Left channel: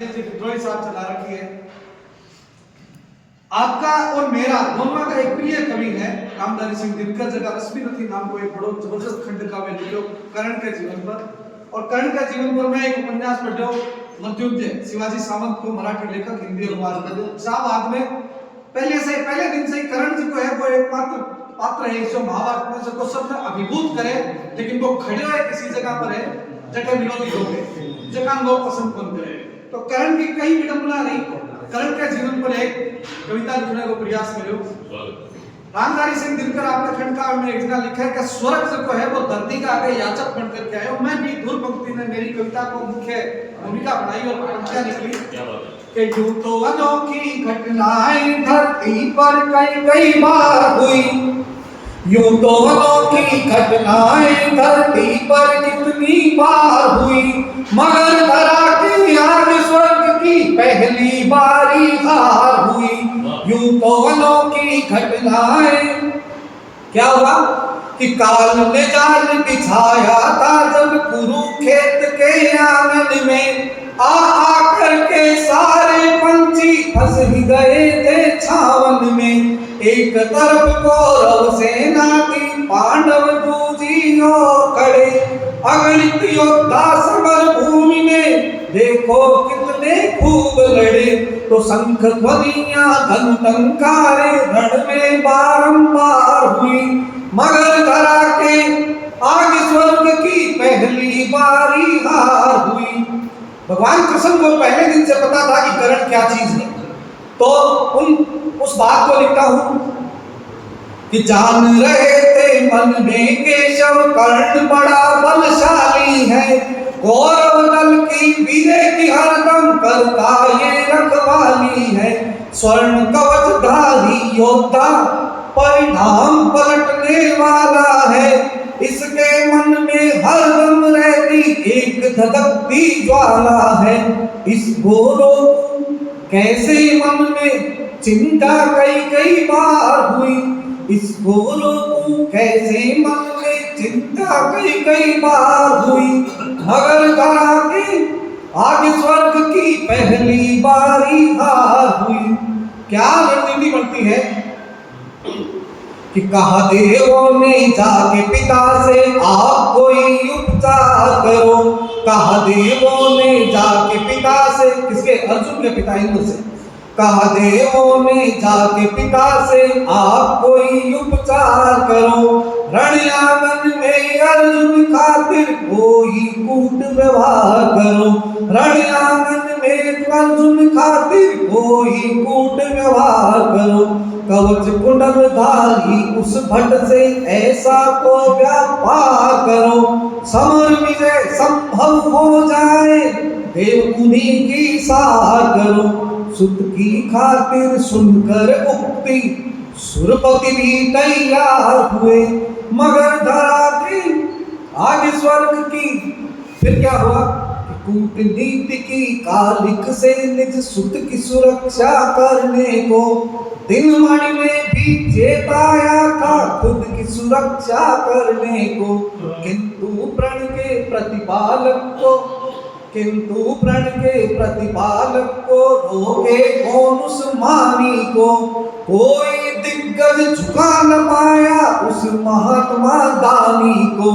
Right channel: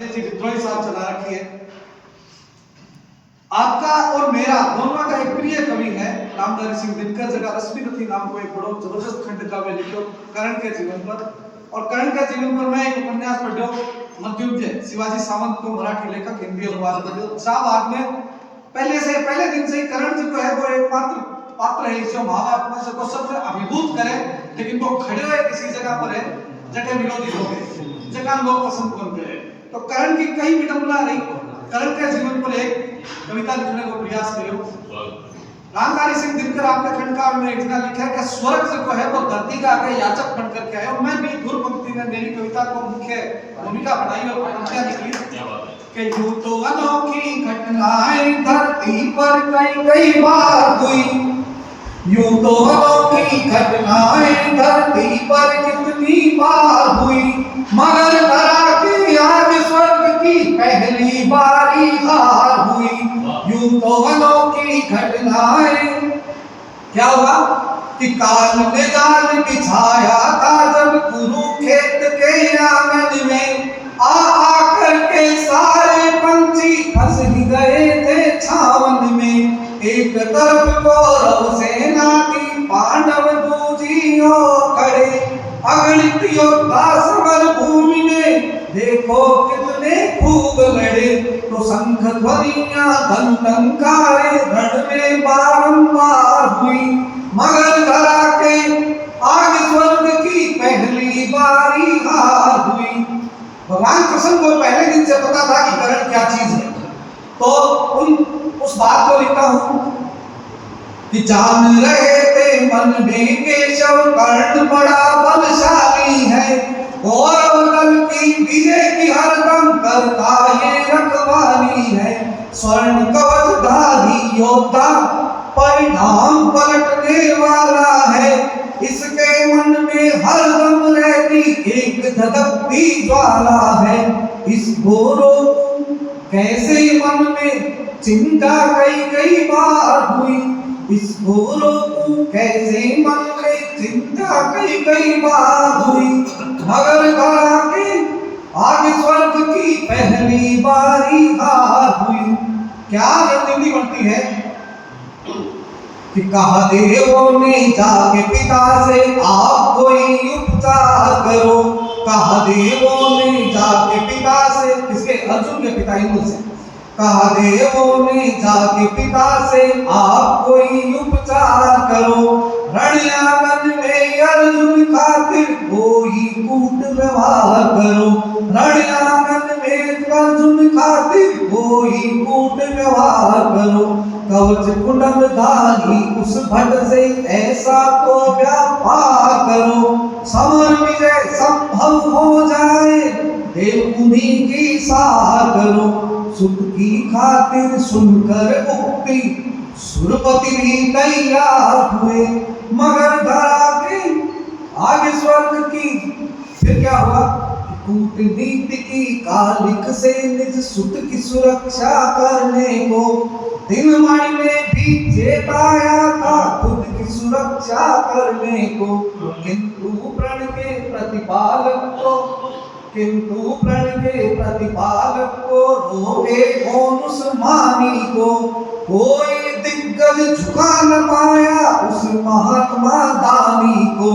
विद्रोही साहब चला रखी है। आपका और मेरा दोनों का एक प्रिय कवि है रामधारी सिंह दिनकर, जगह रश्मि नथी नाम को एक बड़ो जबरदस्त खंड काव्य लिखो कर्ण के जीवन पर। और कर्ण के जीवन पर मैं एक उपन्यास पढ़ो मृत्युंजय शिवाजी सावंत को मराठी लेखक हिंदी अनुवाद कर साहब आप में पहले दिन से ही कर्ण जी को है वो एक पात्र है जो महाभारत में सबको सबसे अभिभूत करे, लेकिन वो खड़े हुए किसी जगह पर है जगह विरोधी लोग हैं जगह लोग पसंद कौन करे। तो कर्ण की कई विडंबना नहीं, कर्ण के जीवन पर एक कविता लिखने को प्रयास करो। रामधारी सिंह दिनकर आपके खंडकाव्य में एक जगह लिखा है कि स्वर्ग जो है वो धरती का आगे याचक बन करके आए। और मैं भी धुर पंक्ति में मेरी कविता को मुख्य भूमिका बनाई और पंक्तियां लिखी कि यूं तो अनोखी घटनाएं धरती पर कई बार हुई, यूं तो अनोखी घटनाएं धरती पर कितनी बार हुई, मगर धरा के आज स्वर्ग की पहली बारी हार हुई। यूं तो अनोखी घटनाएं क्या हुआ कि काल ने जाल बिछाया था जब कुरुक्षेत्र के आंगन में, आ करके सारे पंछी फंस गए थे छावन में। एक तरफ कौरव सेना की पांडव दूजियों खड़े, अगणित योद्धा समर भूमि में देखो कितने खूब लड़े। तो शंख ध्वनियां धन टंकारे रण में बारंबार हुई, मगर धरा के आग स्वर्ग की पहली बारी हार हुई। भगवान कृष्ण को पहले दिन से पता था कि कर्ण क्या चीज है, तो उस बात को लिखा हूं कि जान रहे थे मन में केशव कर्ण बड़ा बलशाली है, गौरव दल की विजय की हरदम करता ये रखवाली है। स्वर्ण कवचधारी योद्धा परिणाम पलटने वाला है, इसके मन में हरदम रहती एक धधकती ज्वाला है। इस घोरों कैसे मन में चिंता कई बार हुई, इस घोरों कैसे मन में चिंता कई बार हुई, मगर धरा के आगे स्वर्ग की पहली बारी हार हुई। क्या रणनीति बनती है कि कहा देवों ने जाके पिता से आप कोई उपचार करो, कहा देवों ने जाके पिता से, किसके अर्जुन के पिता इंद्र से, कहा देवों ने जाके पिता से आप कोई उपचार करो। रणआंगन में अर्जुन खातिर कोई कूट व्यवहार करो, रणआंगन में अर्जुन खातिर कोई कूट व्यवहार करो। कवच कुंडलधारी उस भट से ऐसा तो व्यापार करो, समर विजय संभव हो जाए देव उन्हीं की सहाय करो। सुत की खातिर सुनकर उक्ति सुरपति भी तैयार हुए, मगर धरा के आगे स्वर्ग की फिर क्या हुआ, कूटनीति की कालिक से निज सुत की सुरक्षा करने को दिन मणि ने भी चेताया था खुद की सुरक्षा करने को। किंतु प्रण के प्रतिपालक को रोके कौन उस मानी को, कोई दिग्गज झुका न पाया उस महात्मा दानी को।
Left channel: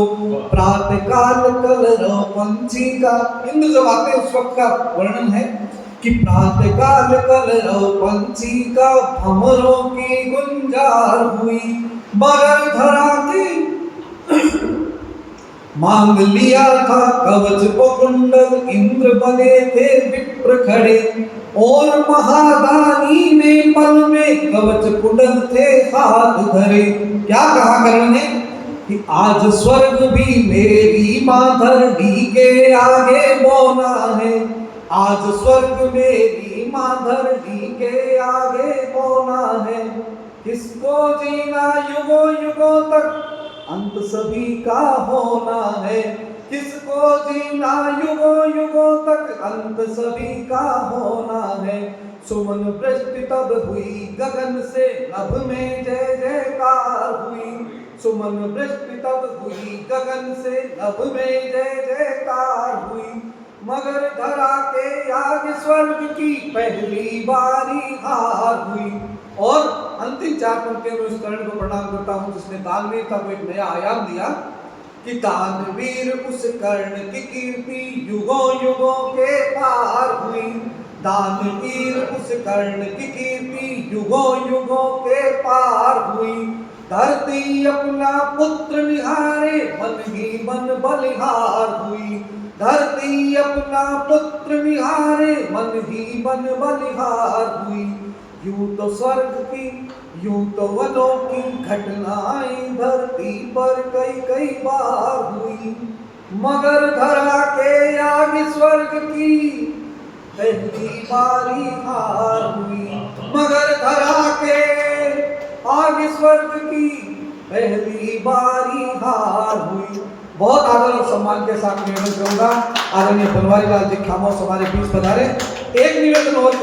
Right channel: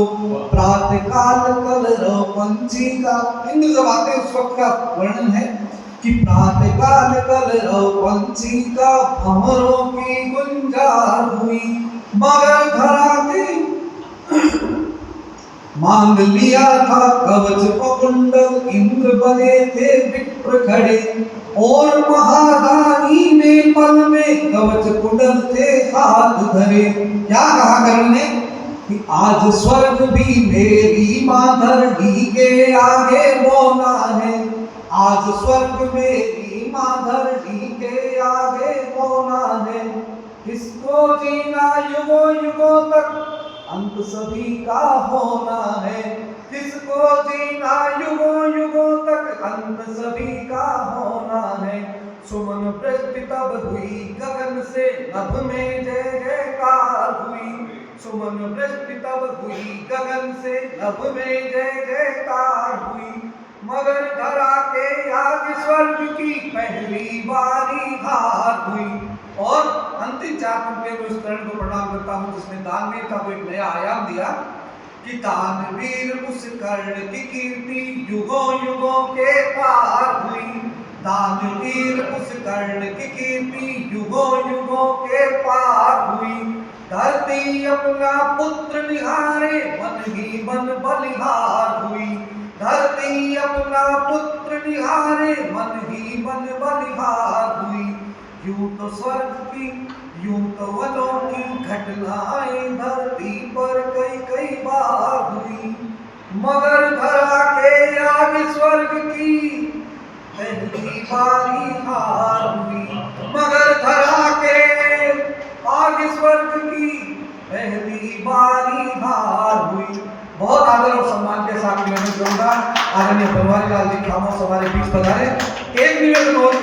प्रातःकाल कलरव पंछी का, इंद्र जब आते उस वक्त का वर्णन है कि प्रातःकाल कलरव पंछी का भंवरों की गुंजार हुई, मगर धरा के मांग लिया था कवच व कुंडल इंद्र बने थे विप्र खड़े, और महादानी ने पल में कवच कुंडल थे हाथ धरे। क्या कहा कर्ण ने कि आज स्वर्ग भी मेरी मां धरती के आगे बोला है, आज स्वर्ग मेरी मां धरती के आगे बोला है। किसको जीना युगों युगों तक अंत सभी का होना है, किसको जीना युगों युगों तक अंत सभी का होना है। सुमन वृष्टि तब हुई गगन से नभ में जय जयकार हुई, सुमन वृष्टि तब हुई गगन से नभ में जय जयकार हुई, मगर धरा के आगे स्वर्ग की पहली बारी हार हुई। और अंतिम 4 पंक्तियों में इस कर्ण को प्रणाम करता हूं जिसने दानवीर का को एक नया आयाम दिया कि दानवीर उस कर्ण की कीर्ति युगों युगों के पार हुई। दानवीर उस कर्ण की कीर्ति युगों युगों के पार हुई। धरती अपना पुत्र निहारे मन ही मन बलिहार हुई। धरती अपना पुत्र निहारे मन ही मन बलिहार हुई। यूं तो स्वर्ग की यूं तो वनों की घटनाएं धरती पर कई कई बार हुई। मगर धरा के आगे स्वर्ग की पहली बारी हार हुई। मगर धरा के आगे स्वर्ग की पहली बारी हार हुई। बहुत आदर और सम्मान के साथ निवेदन करूंगा, आदरणीय बनवारीलाल जी खामोश हमारे बीच पधारे। एक निवेदन और